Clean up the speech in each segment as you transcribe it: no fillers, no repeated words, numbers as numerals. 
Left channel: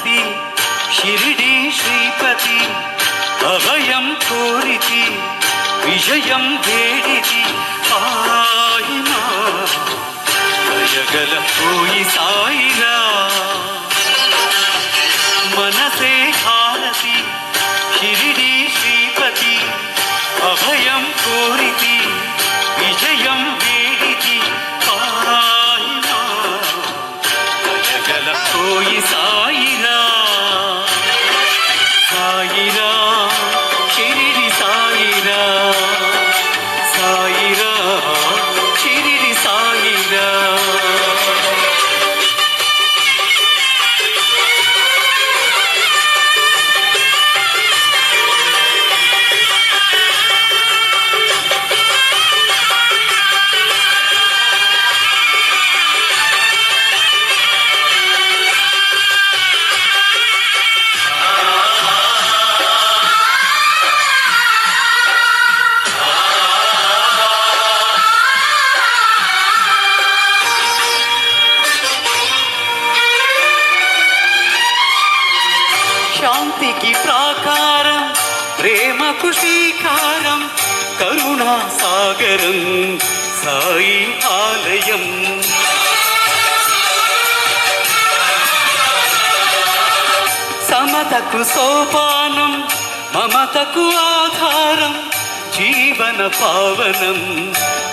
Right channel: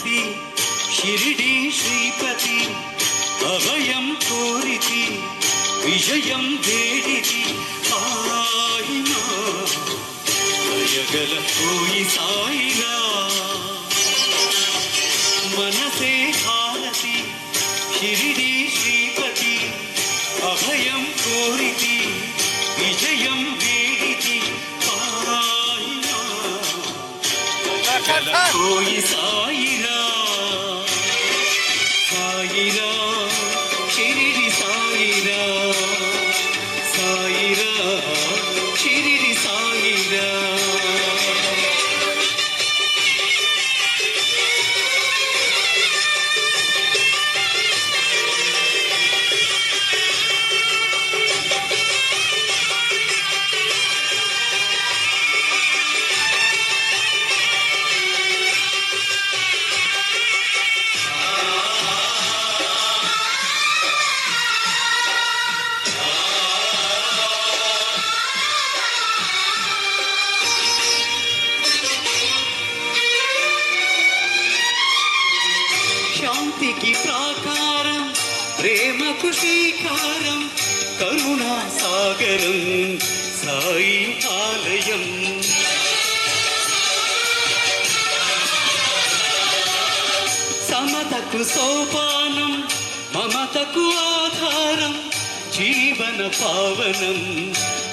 హారతి షిరిడి శ్రీపతి అభయం కోరితి విజయం వేడితి పాయినా దయగల పోయి సాయిరా మనసే హారతి షిరిడి శ్రీపతి అభయం కోరితి విజయం వేడితి పాయినా దయగల పోయి సాయిరా సాయిరా షిరిడి సాయిరా సాయిరా షిరిడి సాయిరా శాంతికి ప్రాకారం ప్రేమకు శ్రీకారం కరుణా సాగరం సాయి ఆలయం సమతకు సోపానం మమతకు ఆధారం జీవన పావనం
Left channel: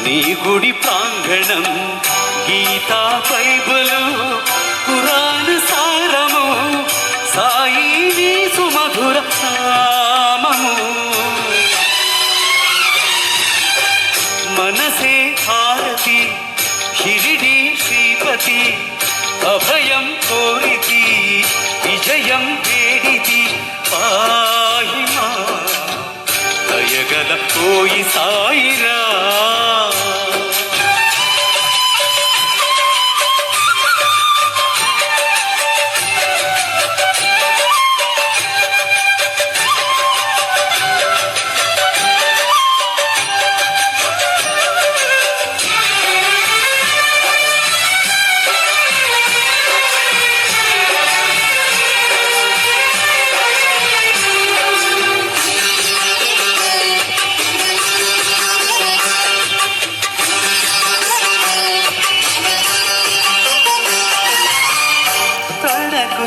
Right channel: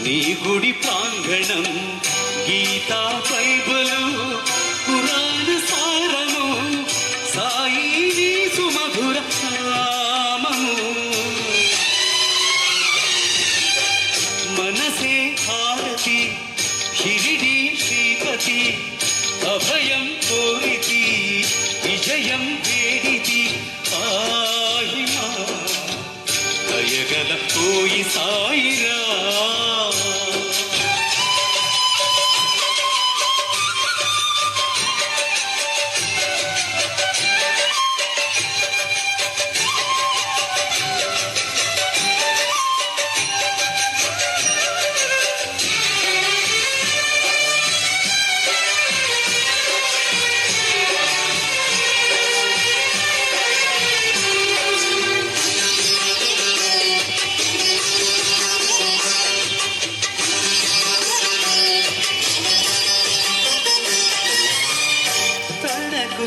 నీ గుడి ప్రాంగణం గీతా బైబిలు పురాణ సారము సాయి నీ సుమధుర నామము మనసే హారతి షిరిడి శ్రీపతి అభయం కోరితి విజయం వేడితి పాహిమా దయగల పోయి సాయిరా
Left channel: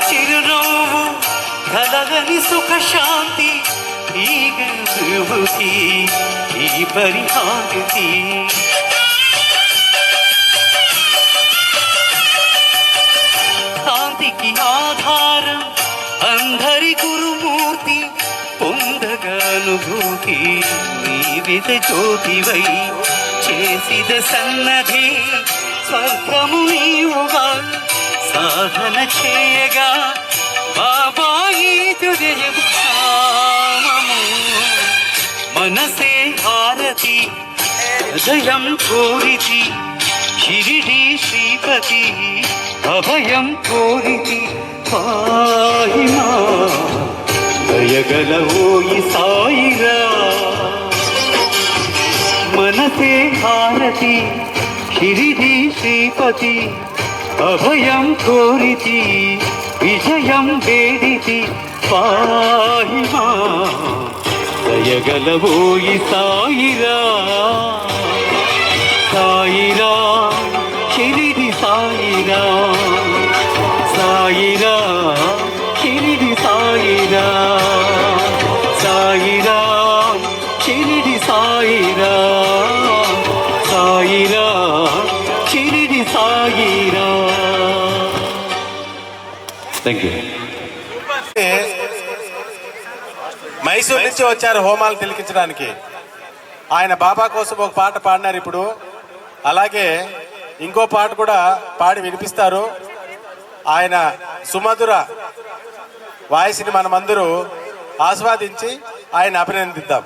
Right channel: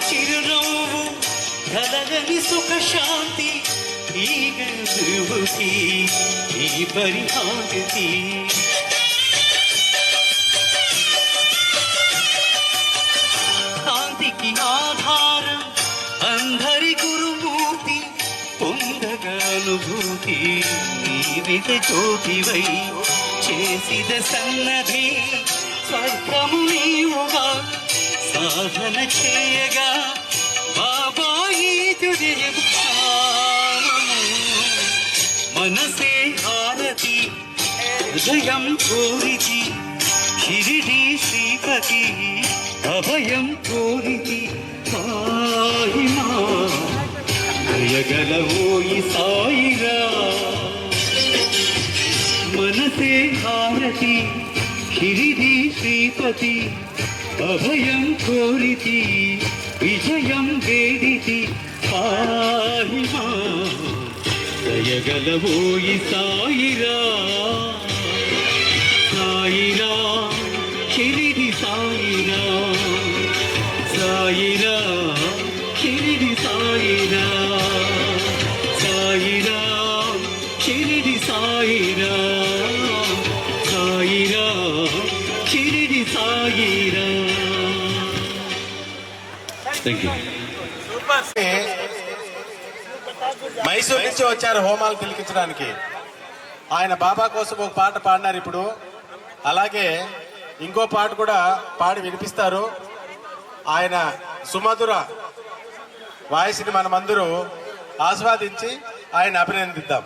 చిరునవ్వు కలగని సుఖ శాంతి ఈ విభూతి ఈ పరిహారతి కాంతికి ఆధారం అందరి గురుమూర్తి పొందగానుభూతి నీవిద జ్యోతివై చేసిద సన్నధి స్వర్గము నీవుగా సాధన చేయగా బాబాయి తుజయము మనసే హారతి హృదయం కోరితి షిరిడి శ్రీపతి అభయం కోరితి పాహిమా దయగల ఓయి సాయిరా మనసే హారతి షిరిడి శ్రీపతి అభయం కోరితి విజయం వేడితి పాహిమా దయగల ఓయి సాయిరా సాయిరా షిరిడి సాయిరా సాయిరా షిరిడి సాయిరా సాయిరా షిరిడి సాయిరా సాయిరా షిరిడి సాయిరా. Thank you. మైసూర్ నుంచి వచ్చారు హోమాలు తిలకించడానికి. ఆయన బాబా కోసం ఒక పాట పాడినారు. ఇప్పుడు అలాగే ఇంకో పాట కూడా పాడి వినిపిస్తారు. ఆయన సుమధుర వాయిస్ని మనమందరూ ఆస్వాదించి ఆయన అభినందిద్దాం.